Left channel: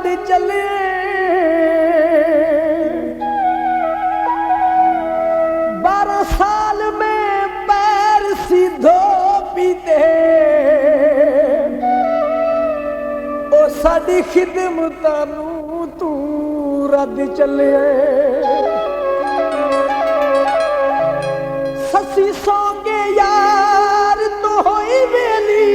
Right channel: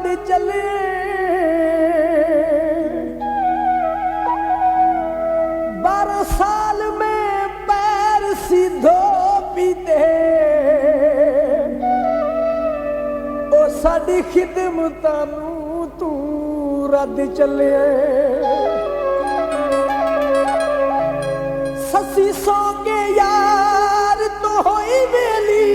रद चले। बारह साल में पैर सीधो पीते ओ साडी खिदमतां नूं तू रद चले। ससी सौ के यार तो होई वेली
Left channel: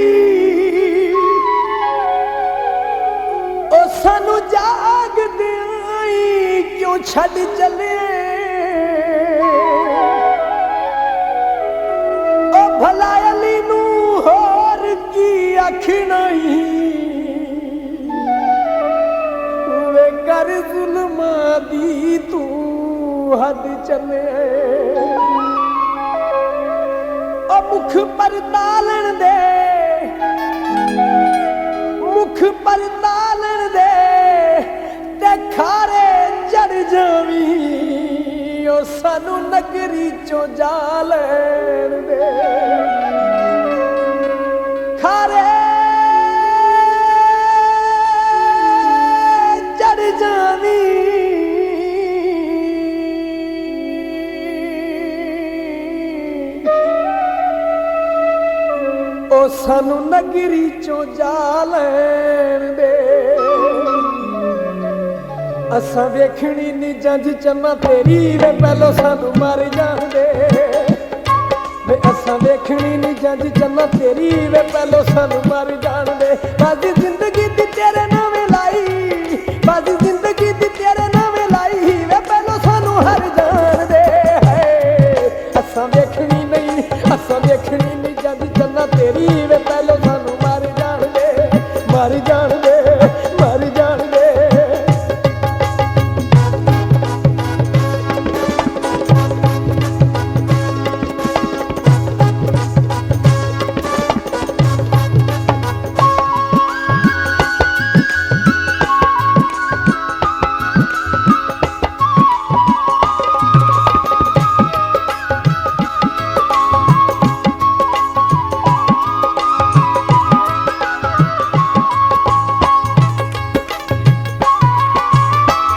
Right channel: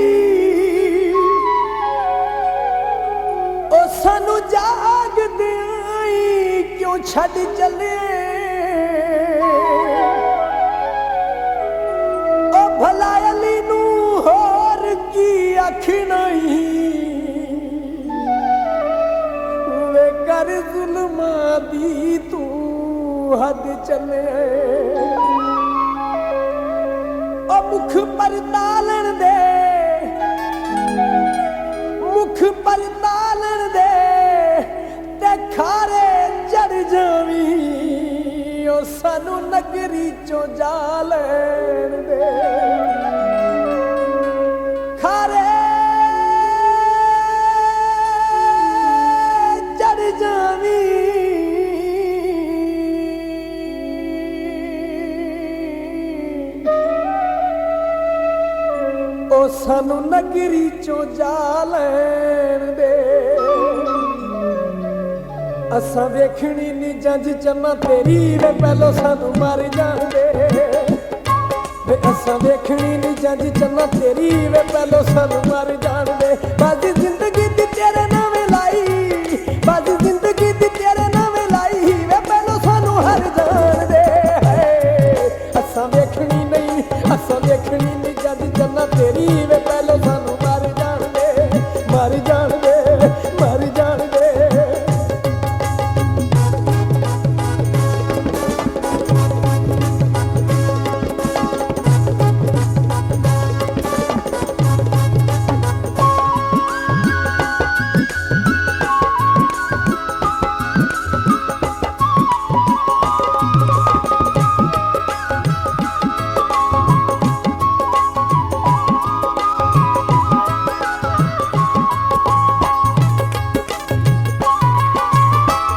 ओ सानू जाग दई क्यों छड़ चले। ओ भला अली नू होर की आखना वे कर जुल्मा दी तू हद चले। मुख पर तालन दे मुख पर तालन दे ते खारे चढ़ जावी ओ सानू नगरी चो जालन दे। खारे चढ़ जावी ओ सानू नगरी चो जालन दे। असां वेखनी नी जंज चन्ना तेरी वे पहलो सानू मार जान दे। वे असां वेखनी नी जंज चन्ना तेरी वे पहलो सानू मार जान दे। बाजी जिंदगी दी तेरे नावे लाई बाजी जिंदगी दी तेरे नावे लाई वे पहलो सानू हर जान दे। असां वेखनी नहीं असां वेखनी नहीं जद चन्ना तेरी वे पहले सानू मार जान दे मार जान दे मार जान दे।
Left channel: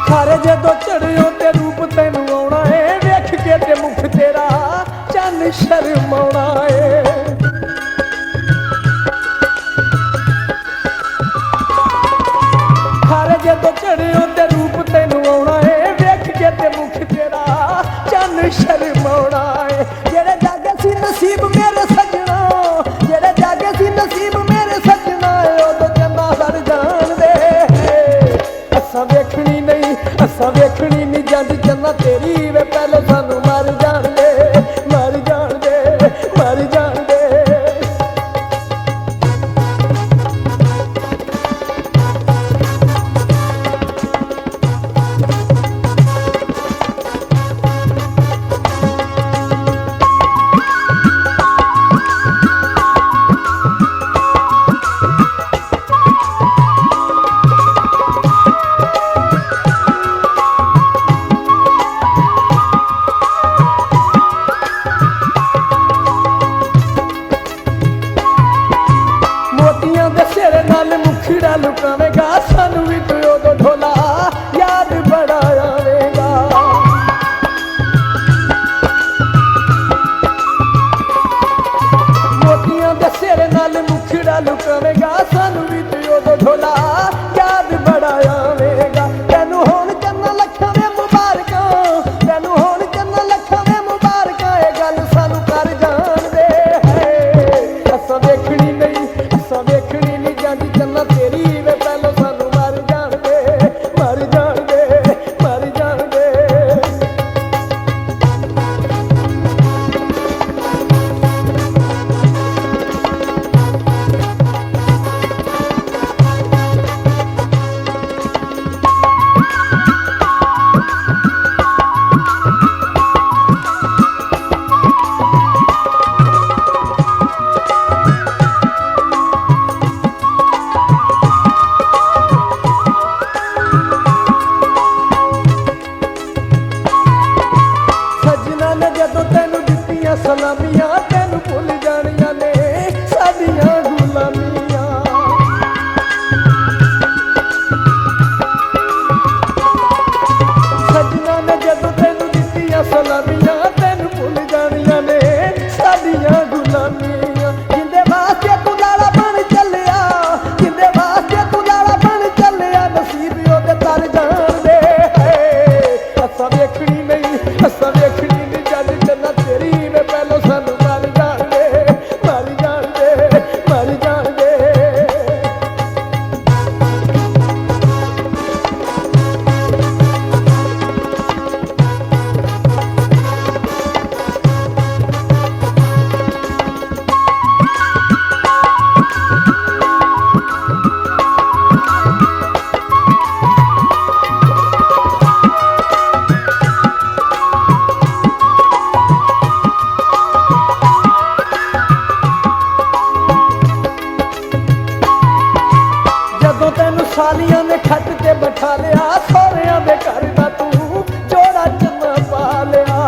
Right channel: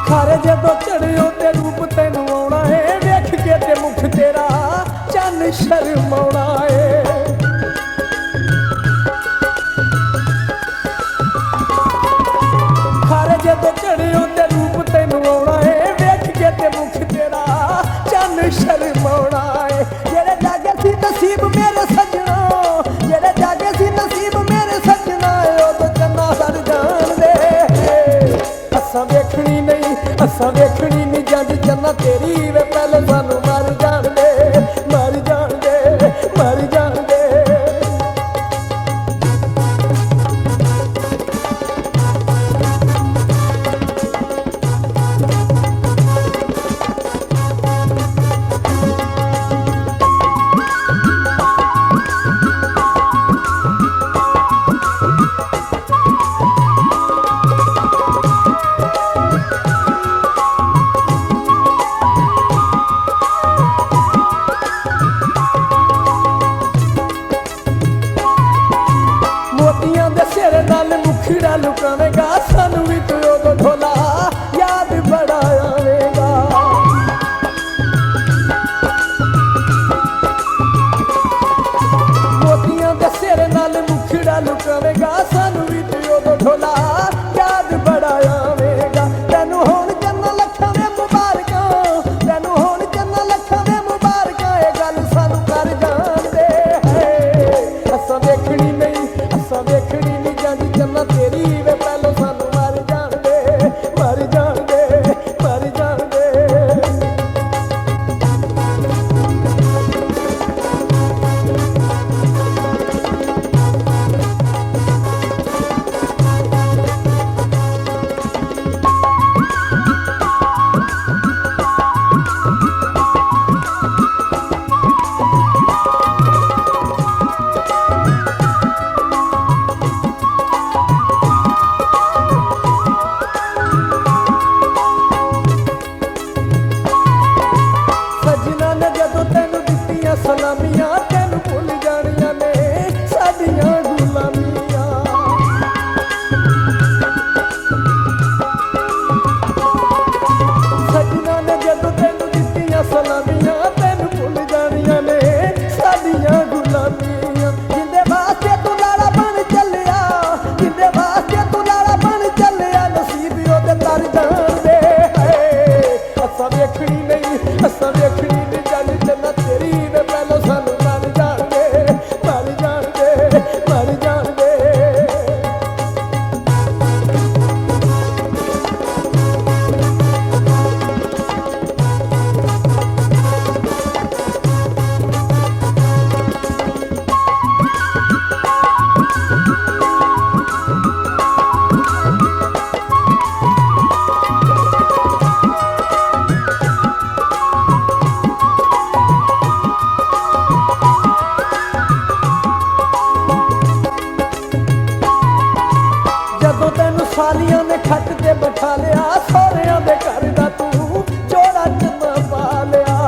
खारे जदों चढ़ियो ते रूप तैनू आउणा है वेख के ते मुख तेरा चन शर्माउणा है। खारे जदों चढ़ियो ते रूप तैनू आउणा है वेख के ते मुख तेरा चन शर्माउणा है। जेड़े जागे सी नसीब मेरे सजना जेड़े जागे सी नसीब मेरे सजना ओदों चन्ना सर जान दे। असां वेखनी नहीं असां वेखनी नहीं जंज चन्ना तेरी वे पहले सानू मार जान दे मार जान दे मार जान दे। मोतियां दे सिर नाल मुखड़ा लुकावेगा सानू भी तू उदों ढोला याद बड़ा आवेगा। मोतियां दे सिर नाल मुखड़ा लुकावेगा सानू भी तू उदों ढोला याद बड़ा आवेगा। तैनू होण चन्ना लखां दे मुबारकां तैनू होण चन्ना लखां दे मुबारकां ए गल सानू कर जान दे। असां वेखनी नहीं असां वेखनी नहीं जंज चन्ना तेरी वे पहलो सानू मार जान दे मार जान दे मार जान दे। सजना ने जदों तैनू दित्तियां सलामियां तैनू भुल जानियां ने साडियां गुलामियां। सजना ने जदों तेनू दित्तियां सलामियां तैनू भुल जानियां ने साडियां गुलामियां जिंदे वास्ते तू लाला बन चलिया जिंदे वास्ते तू लाला बन चलिया नसीब ओदे तर जान दे असां वेखणी नहीं असां वेखणी नहीं जज चन्ना तेरी वे पहलों सानू मर जान दे मर जान दे मर जान दे जदों तैनू सालियां ने खट ते बैठा लिया सौहरियां दे घर दा तू जोड़ा चन्ना पा लिया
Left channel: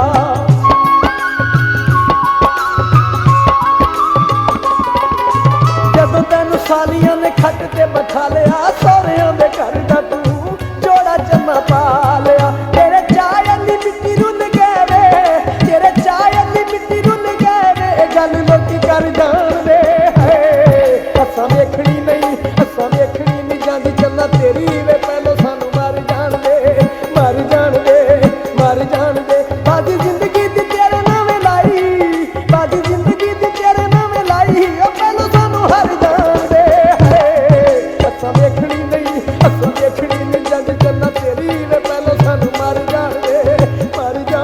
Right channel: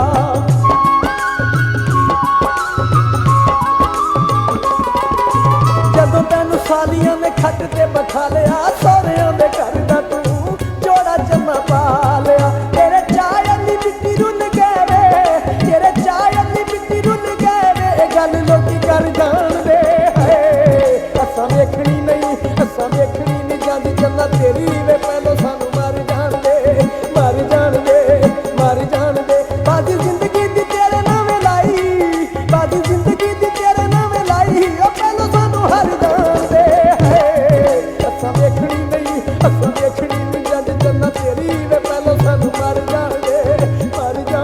जदों तैनू सालियां ने खट ते बैठा लिया सौहरियां दे घर दा तू जोड़ा चन्ना पा लिया तेरे चाय अली मिट्टी रुल गए वे तेरे चाय अली मिट्टी रुल गए वे गल लोकी कर जान दे असां वेखणी नहीं असां वेखणी नहीं जांदी चन्ना तेरी वे पहलों सानू मर जान दे मर जान दे मर जान दे बाकी जिंदगी दी तेरे नाम लाई बाकी जिंदगी दी तेरे नाम लाई ओ पहलों सानू हर जान दे असां वेखणी नहीं असां वेखणी नहीं जांदी चन्ना तेरी वे पहलों सानू मर जान दे मर जान